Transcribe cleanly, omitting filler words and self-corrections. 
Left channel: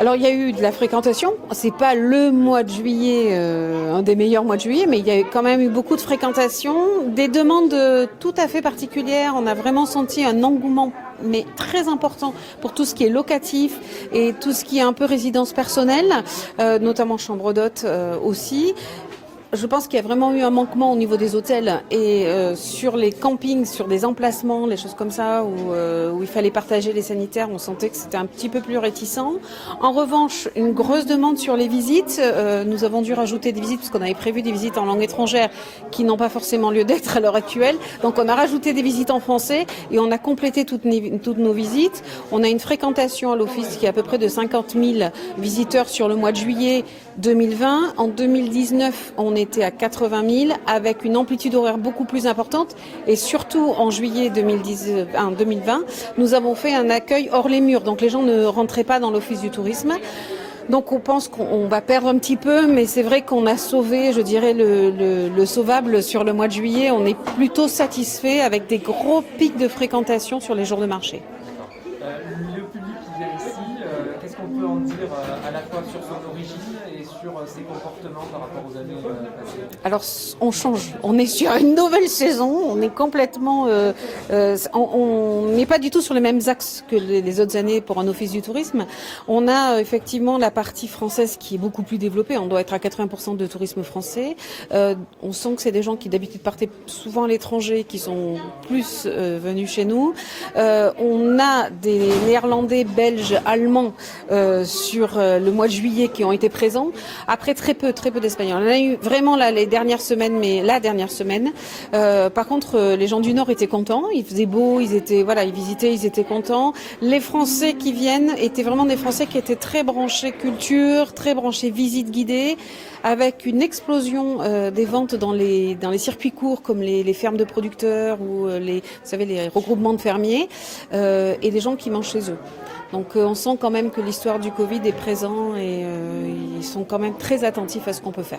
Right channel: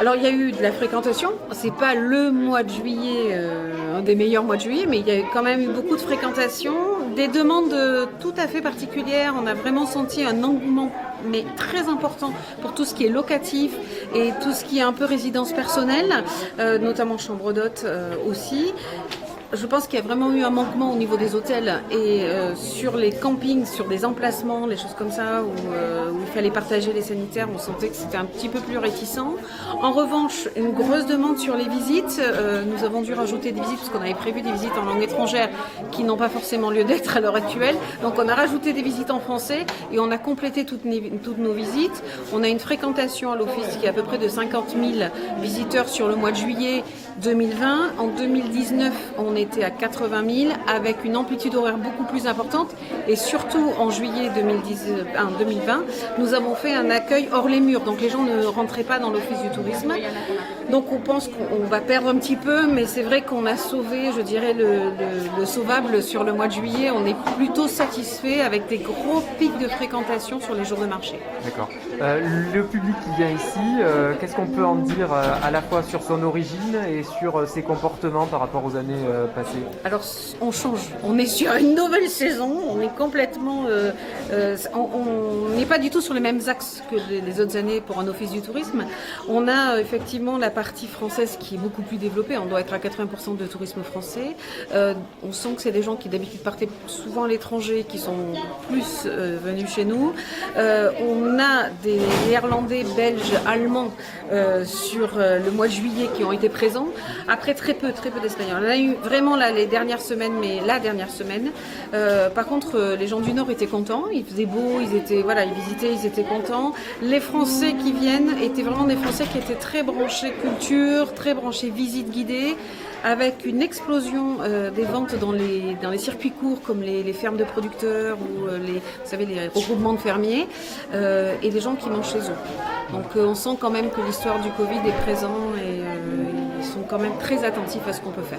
Alors il y a eu de la fréquentation, c'est pas le mois de juillet, un des meilleurs mois de juillet, mais il y a quand même eu beaucoup de fréquentation, des demandes tout à fait particulières, on a vraiment senti un engouement mais très important pour tout ce qui est locatif et tout ce qui est un peu résidence personnelle, notamment chambre d'hôtes aussi. Je pense qu'il y a vraiment eu un manquement au niveau des hôtels et sur les campings, sur des emplacements, les choses comme ça, où il fallait partager les sanitaires, on sentait que c'était un petit peu plus réticent. En revanche, une grosse demande sur les visites. Nous avons dû rajouter des visites parce qu'on avait prévu des visites en langue étrangère qui n'ont pas forcément lieu d'être à l'heure actuelle. Donc on a rajouté des visites en français et on a complété toutes nos visites. On a une fréquentation à l'office qui est à peu près de 50 000 visiteurs sur le mois de juillet 2020. En 2019, on était à 80 000 avec une amplitude horaire beaucoup plus importante et surtout en juillet 2020, nous avons fait un accueil hors les murs, donc les gens ne rentraient pas dans l'office du tourisme. Donc on pense qu'on va perdre un petit peu, mais c'est vrai qu'on a sauvé, je dirais, le sauvable sur le mois de juillet. On est plutôt satisfait avec des gros pics de fréquentation sur les jours de marché. D'accord. Le public qui vient ici, qu'est-ce qu'on peut en dire à la fois sur son origine et sur ses comportements par rapport aux années passées? Alors on change, on est sur une nouvelle saison, on est complètement, on n'est pas du tout sur les mêmes axes que les autres années pour un office du tourisme. On a effectivement la partie française qui est beaucoup plus développée, on doit être à 80% de tourisme français. On sent que c'est des gens qui d'habitude partaient souvent à l'étranger, qui sont plus venus chez nous. On a des Néerlandais, Belges, Allemands sur le mois de juillet qui ont été présents. Après très peu d'Espagnols. On a eu vraiment là les dernières semaines, mais la dernière semaine. Par contre, les gens du Nord étaient contents. Il faisait beau, ils visitaient, ils étaient contents. Les Français qui viennent étaient vraiment des Français qui étaient très branchés culture, très branchés visite guidée, avec une explosion des ventes dans les circuits courts comme les fermes de producteurs ou vous savez, les regroupements de fermiers et les gens qui mangent chez eux. Donc on sent quand même que l'histoire du Covid est présente et ils sont quand même très attentifs à ce qu'on peut faire.